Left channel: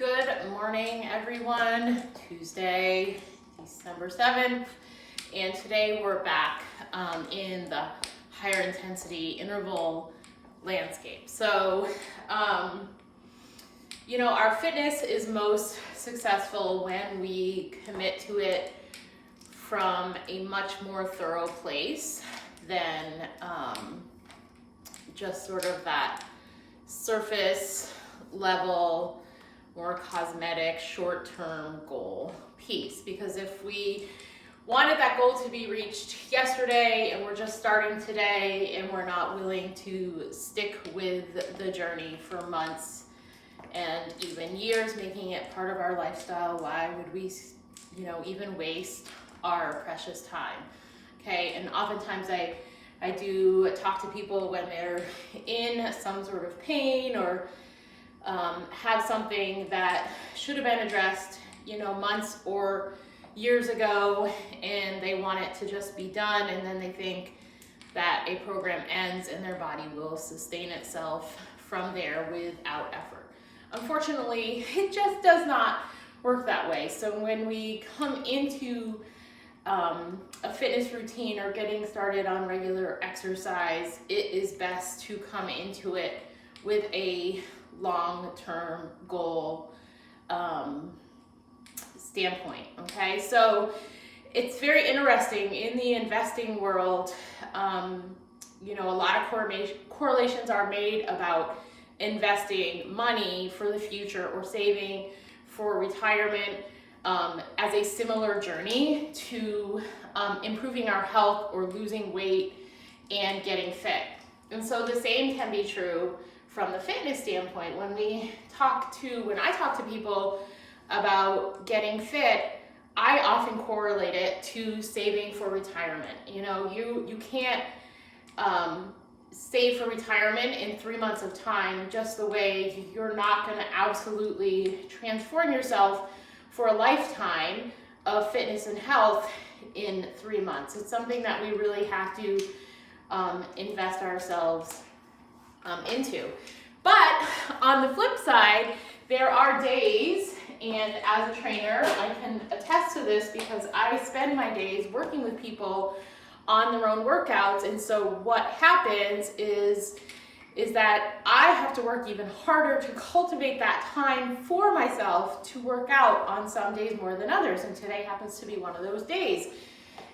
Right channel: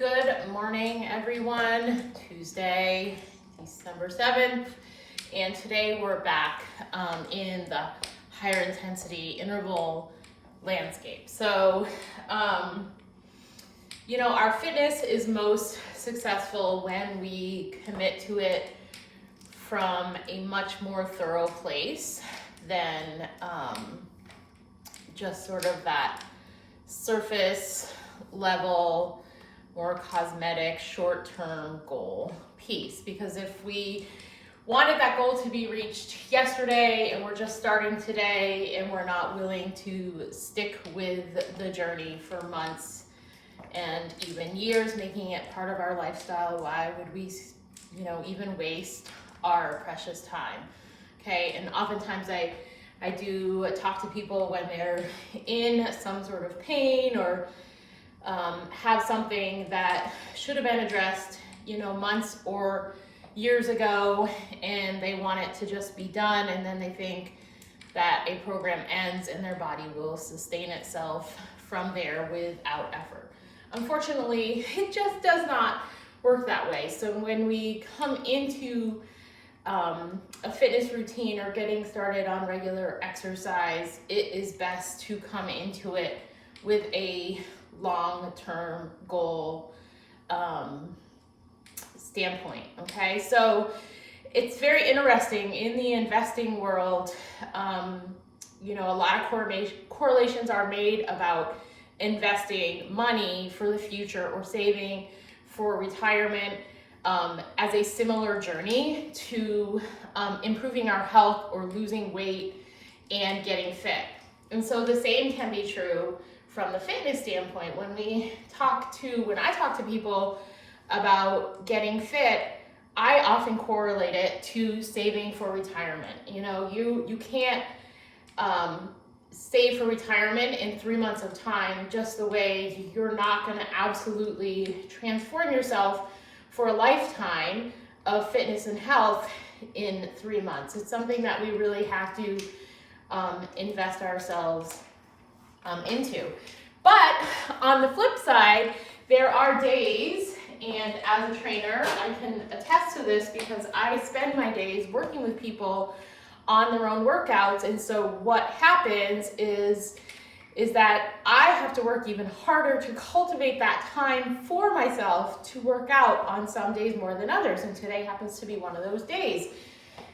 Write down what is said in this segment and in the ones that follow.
Good morning, everyone. Tuesday, December 7th, and today we're back in the higher intensity interval landscape. So, our fitness is most successful when we commit to it from a much more thorough place than just sort of that surface level, more cosmetic, short-term goal piece. Because if we wanted that goal to be reached yesterday and we're just starting today and we're not willing to stick with the journey for months and even years, making it part of our lifestyle, why would we, even waste our precious time? Okay, and oftentimes I do talk to people when they're in some sort of pain or have something that should have been addressed, months or years ago, and they want it to just be done, and then they think that a program ends and their body will sustain itself from there without effort. Unfortunately, it just does not work that way. So when we come into a fitness routine or getting started on regular exercise, it is best to come into it with a long-term goal standpoint. Okay, so it's very interesting in the investing world. A lot of correlations are made about investing money for the future or saving for retirement as a similar journey to improving our health or losing weight and getting fit. And so the same can be true from the fitness standpoint. When I talk to people about getting fit, I often correlate it to saving for retirement. You can't save for retirement in 3 months of time, just the way you're not going to absolutely transform yourself for a lifetime of fitness and health in 3 months. It's something that we really have to invest ourselves into. But on the flip side, there are days, and as a trainer, I can attest to this because I spend my days working with people on their own workouts. And so what happens is that I have to work even harder to cultivate that time for myself to work out on some days more than others. And today happens to be one of those days.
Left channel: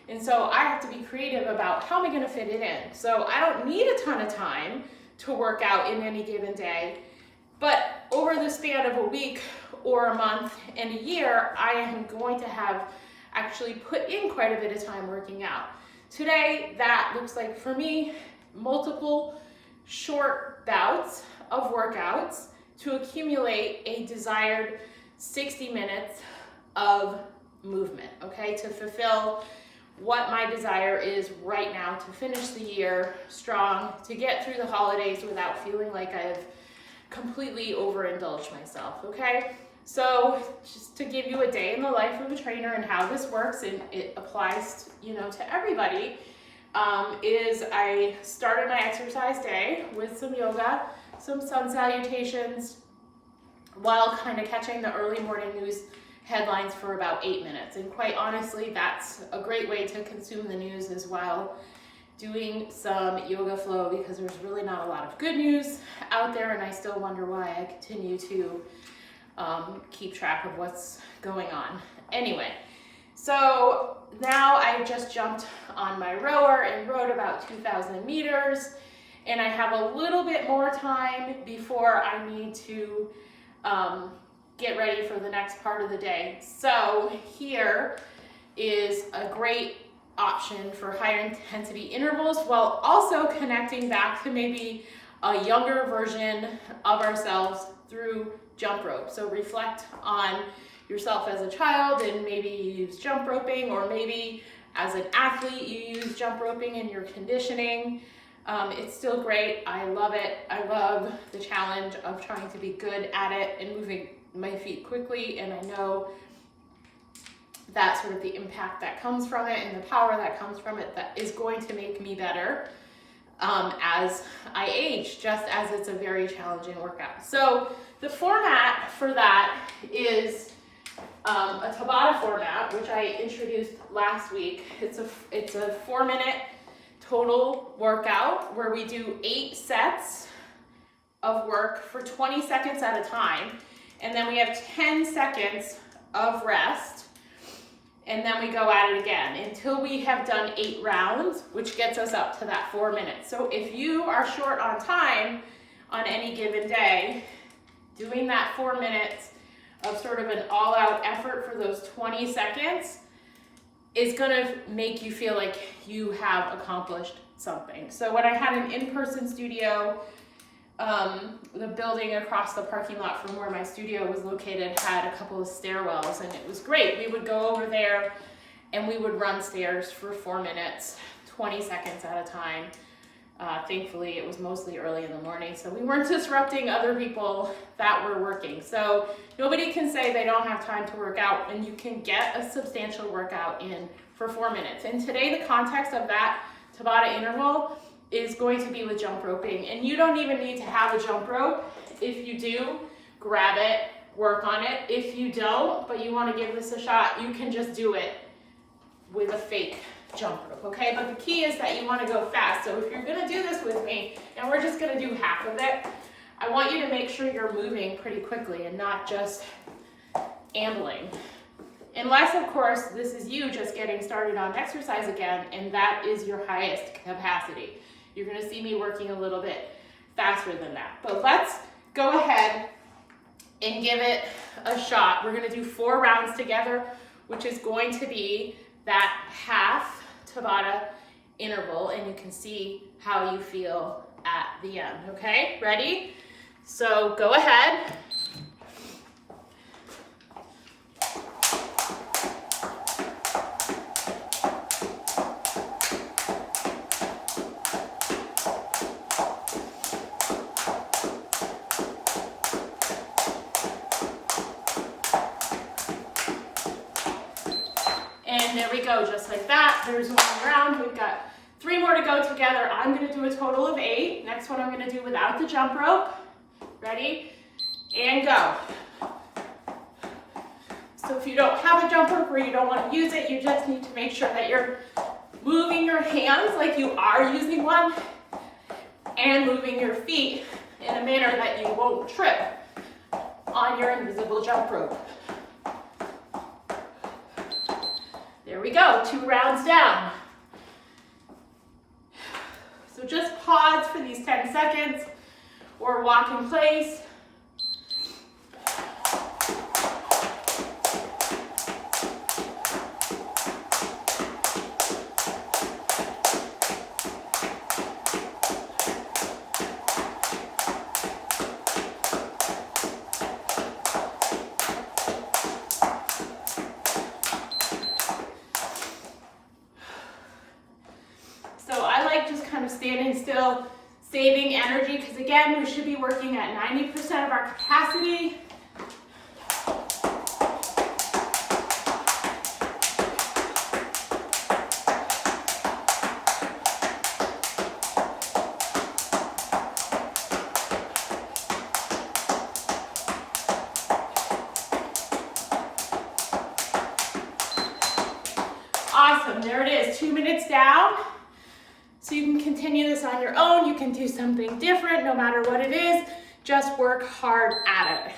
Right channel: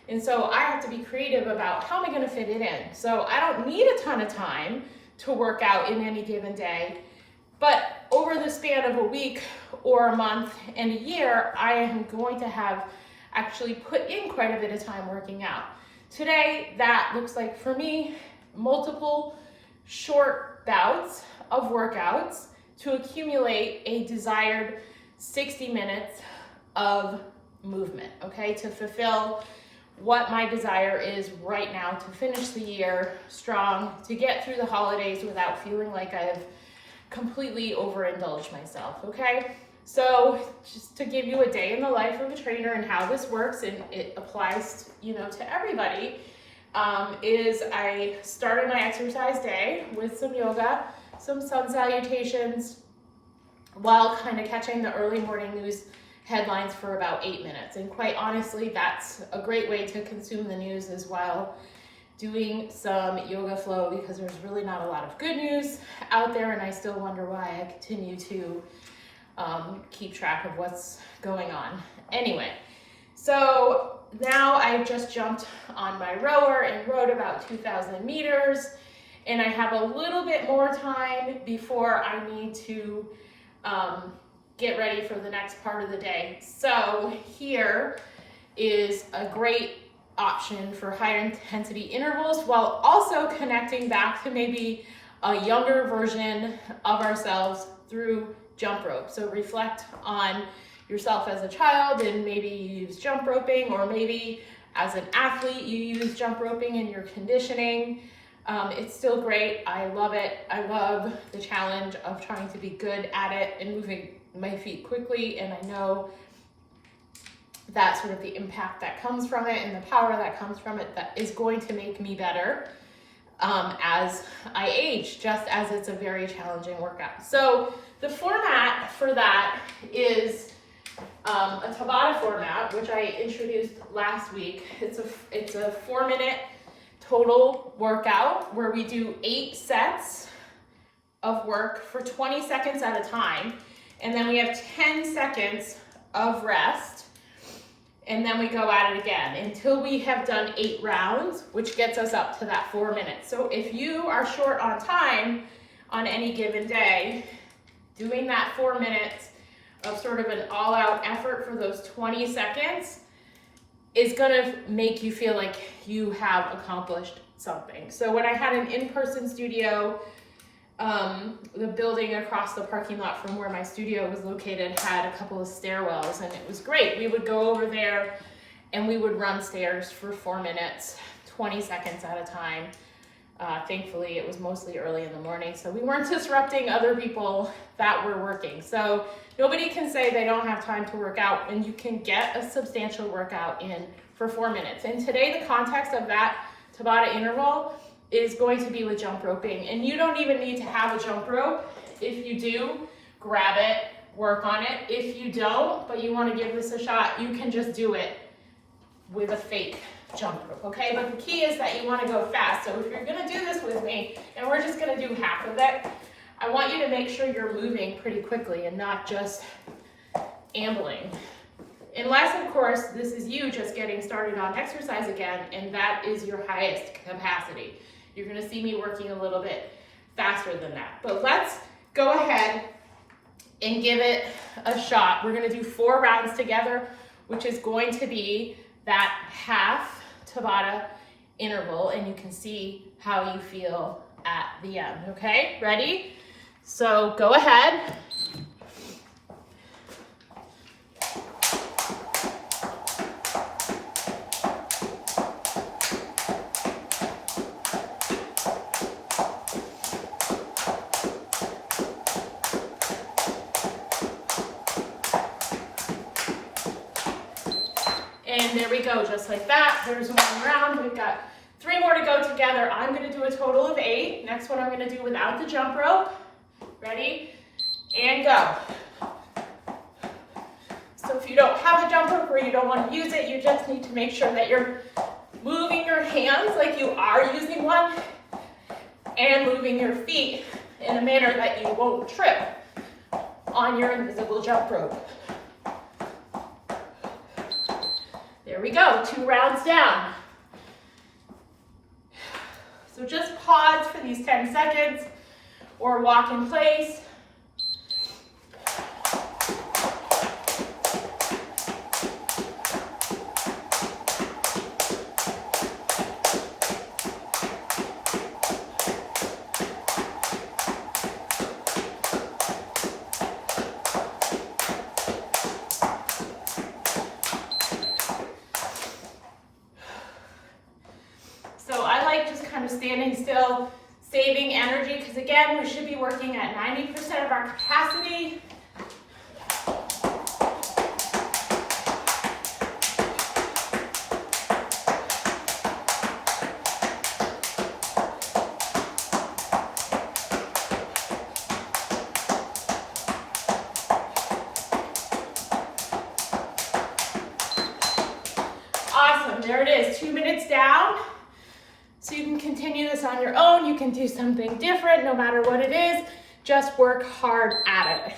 And so I have to be creative about how am I going to fit it in. So I don't need a ton of time to work out in any given day, but over the span of a week or a month and a year, I am going to have actually put in quite a bit of time working out. Today, that looks like for me, multiple short bouts of workouts to accumulate a desired 60 minutes of movement, okay, to fulfill what my desire is right now, to finish the year strong, to get through the holidays without feeling like I've completely overindulged myself, okay? So just to give you a day in the life of a trainer and how this works, and it applies, to everybody, is I started my exercise day with some yoga, some sun salutations, while kind of catching the early morning news headlines for about 8 minutes. And quite honestly, that's a great way to consume the news as well, doing some yoga flow, because there's really not a lot of good news out there, and I still wonder why I continue to keep track of what's going on. Anyway, so now I just jumped on my rower and rode about 2,000 meters, and I have a little bit more time before I need to get ready for the next part of the day. So here is a great option for higher intensity intervals, while also connecting back to maybe a younger version of ourselves through jump rope. So reflect on yourself as a child, and maybe you use jump roping, or maybe as an athlete you use jump roping in your conditioning. It's still great. I love it. I love the challenge of trying to be good at it and moving my feet quickly, and I know that sort of the impact that comes from it and the power that comes from it that is going to make me better as I age, just as it's a very challenging workout. So the format for that is a Tabata format, which I introduced last week. It's a 4-minute total workout where we do 8 sets of work for 20 seconds at a time. And then we have 10 seconds of rest. And then we go at it again until we have done 8 rounds, which gets us up to that 4 minutes. So if you are short on time on any given day, doing that 4 minutes of sort of an all-out effort for those 20 seconds is gonna make you feel like you have accomplished something. So when I had an in-person studio, the building across the parking lot from where my studio was located had a couple of stairwells, and it was great. We would go over there and we would run stairs for 4 minutes, 20 seconds at a time. Thankfully, it was mostly early in the morning, so we weren't disrupting other people that were working. So nobody can say they don't have time to work out, and you can get a substantial workout in for 4 minutes. And today, the context of that Tabata interval is going to be with jump roping. And you don't even need to have a jump rope. If you do, grab it, work on it. If you don't, but you want to give this a shot, you can just do it with a fake jump rope, okay? But the key is that you want to go fast. So if you're going to do this with me, and we're just going to do half of it, I want you to make sure you're moving pretty quickly and not just ambling. Unless, of course, this is you just getting started on exercise again, and that is your highest capacity. You're going to see me working a little bit faster than that. But let's go ahead and give it a shot. We're going to do 4 rounds together, which is going to be that half Tabata interval, and you can see how you feel at the end, okay? Ready? So go ahead. And there we go, just like that. There's 1 round. We've got 3 more to go together. I'm going to do a total of 8. Next one I'm going to do without the jump rope. Ready? And go. So if you don't have a jump rope or you don't want to use it, you just need to make sure that you're moving your hands like you are using one and moving your feet in a manner that you won't trip on your invisible jump rope. There we go, 2 rounds down. So just pause for these 10 seconds or walk in place. Standing still, saving energy, because again, we should be working at 90% of our capacity. Awesome, there it is, 2 minutes down. So you can continue this on your own. You can do something different, no matter what it is. Just work hard at it.